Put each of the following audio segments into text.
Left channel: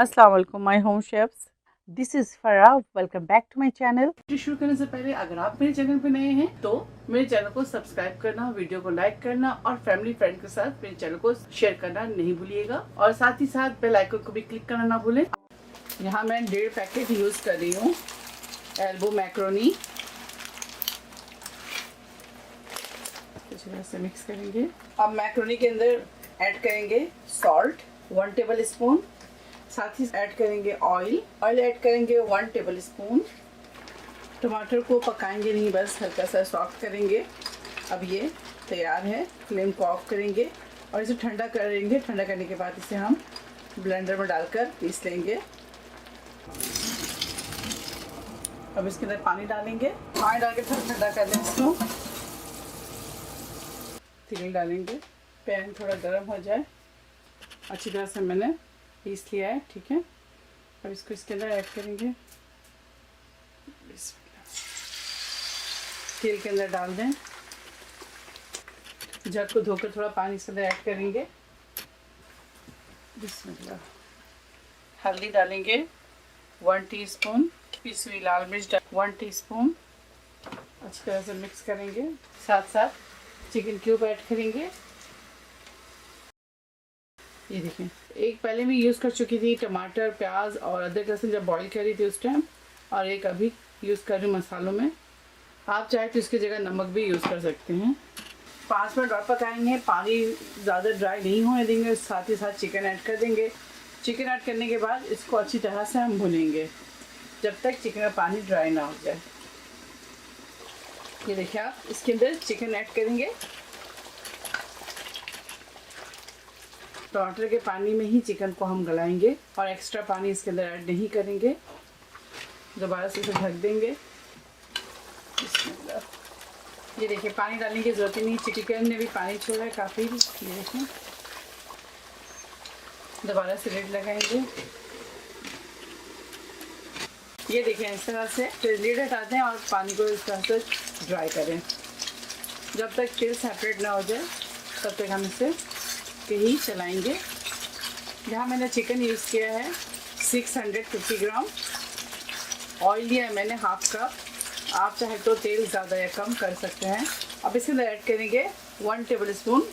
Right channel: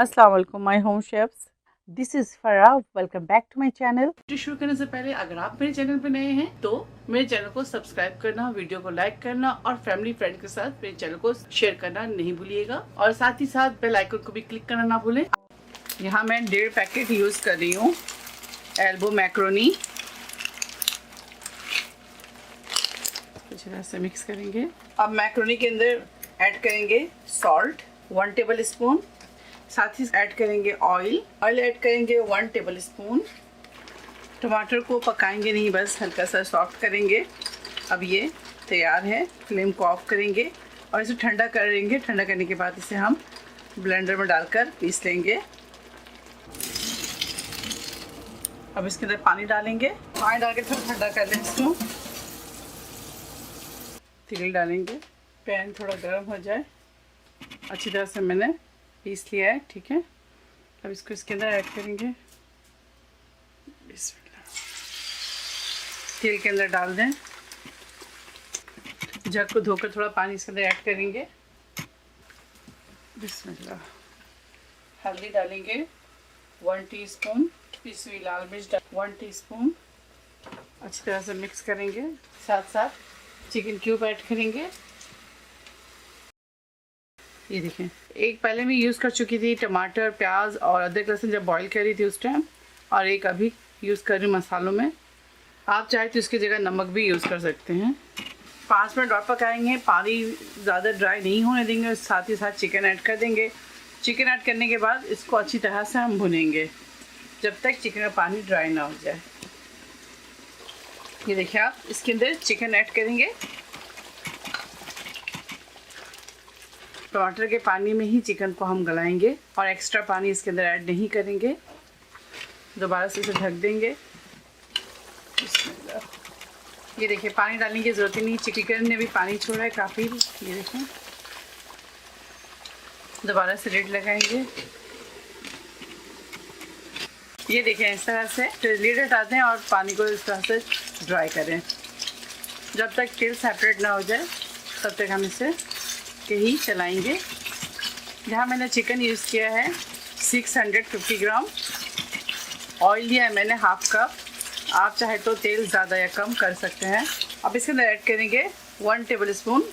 अस्सलाम वालेकुम my home chefs, this is Farah. Welcome back to my channel. शुरू करने से पहले अगर आप मेरे चैनल पे नए हैं तो मेरे चैनल को सब्सक्राइब करना, वीडियो को लाइक करना और फैमिली फ्रेंड के साथ मेरे चैनल को शेयर करना नहीं भूलिएगा और साथ ही साथ बेल आइकन को भी क्लिक करना ना भूलें। यहाँ मैं 1.5 पैकेट यूज कर रही हूँ एल्बो मैक्रोनी। इस तरह से मिक्स करेंगे। अब मैक्रोनी के अंदर ऐड करेंगे सॉल्ट 1 टेबल स्पून, साथ ही ऐड करेंगे ऑयल ऐड करेंगे 1 टेबल स्पून। टमाटर को पकाएंगे नहीं, बस हल्का सा सॉफ्ट करेंगे। अब ये तैयार है। फ्लेम को ऑफ करेंगे और इसे ठंडा करेंगे। ठंडा करने के बाद इसे हम ब्लेंडर में डालकर पीस लेंगे। अब इसके अंदर पानी डालेंगे। पानी डाल के थोड़ा ठंडा कर लें इसको। तेल डालेंगे। पैन थोड़ा गर्म हो जाए। अच्छी तरह से मैंने पीस लिया है, ठीक है। अब इसको इसके अंदर ऐड करेंगे। तेल के अंदर डाल दें। जग को धोकर थोड़ा पानी इसके अंदर ऐड करेंगे। हल्दी डालेंगे 1 टीस्पून, पिसी हुई लाल मिर्च 1 टीस्पून। अच्छी तरह से मिक्स करेंगे। साथ साथ चिकन क्यूब ऐड करेंगे। ये देखें, एक पहले मैं यूज़ कर चुकी थी टमाटर, प्याज और अदरक लहसुन जब बॉईल कर रही थी उस टाइम, और एक अभी यूज़ कर रही हूँ मसालों में। आप चाहे तो इसकी जगह नमक भी यूज़ कर सकते हैं। 5 मिनट और पकाएंगे। पानी ज़्यादा ड्राई नहीं होने देंगे। साथ ही साथ चिकन ऐड कर देंगे। चिकन ऐड करने के बाद इसको अच्छी तरह से हम भुनेंगे जब तक चिकन का पानी ड्राई ना हो जाए। ये देखिए, आप इसके अंदर चिकन ऐड करेंगे। टमाटर के पानी में ही चिकन को हम गलाएंगे और एक्स्ट्रा पानी इसके अंदर ऐड नहीं करेंगे। दोबारा से इसे ढक देंगे। ये देखिए, पानी डालने की ज़रूरत ही नहीं। चिकन ने भी पानी छोड़ा है काफ़ी। ये देखिए, दोबारा से लिड लगाएंगे। ये देखें, इस तरह से लिड हटाते हैं और पानी को इस तरह से ड्राई करें। जब तक तेल सेपरेट ना हो जाए तब तक हम इसे ही चलाएंगे। यहाँ मैंने चिकन यूज़ किया है 650 ग्राम। ऑयल लिया है मैंने हाफ कप। आप चाहे तो तेल ज़्यादा या कम कर सकते हैं। अब इसके अंदर ऐड करेंगे 1 table spoon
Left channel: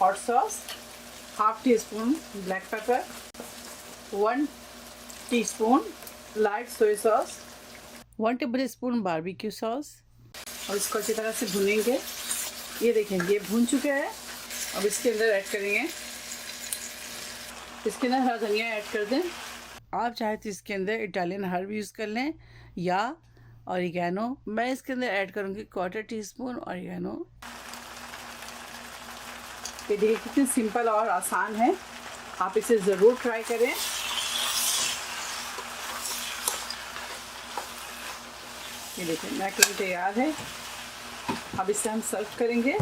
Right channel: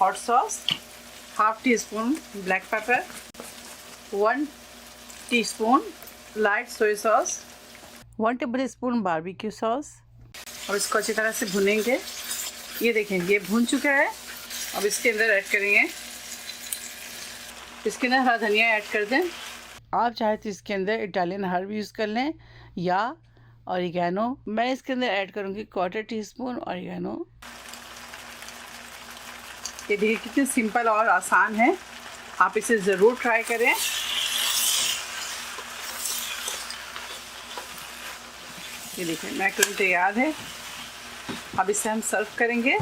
hot sauce, half tea spoon black pepper, 1 teaspoon light soya sauce, 1 table spoon barbecue sauce, और इसको अच्छी तरह से भुनेंगे। ये देखें, ये भुन चुका है। अब इसके अंदर ऐड करेंगे, इसके अंदर हरा धनिया ऐड कर दें। आप चाहे तो इसके अंदर इटालियन हर्ब यूज़ कर लें या ऑरिगेनो। मैं इसके अंदर ऐड करूँगी 1/4 टीस्पून ऑरिगेनो। ये देखिए कितनी सिंपल और आसान है। आप इसे ज़रूर ट्राई करें। ये देखिए, मैक्रोनी तैयार है। अब इसे हम सर्व करेंगे।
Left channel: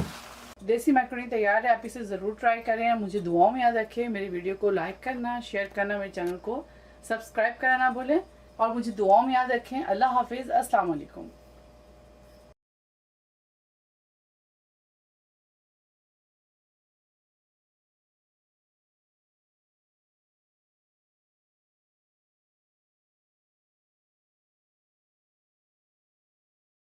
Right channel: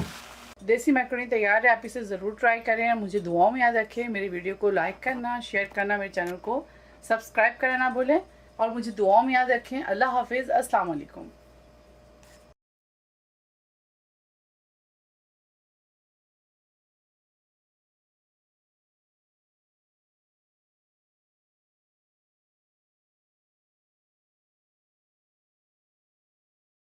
देसी मैक्रोनी तैयार है। आप इसे ज़रूर ट्राई करें। मुझे दुआओं में याद रखें। मेरी वीडियो को लाइक करना, शेयर करना, मेरे चैनल को सब्सक्राइब करना ना भूलें और मुझे दुआओं में याद रखें। अल्लाह हाफिज़। अस्सलाम वालेकुम।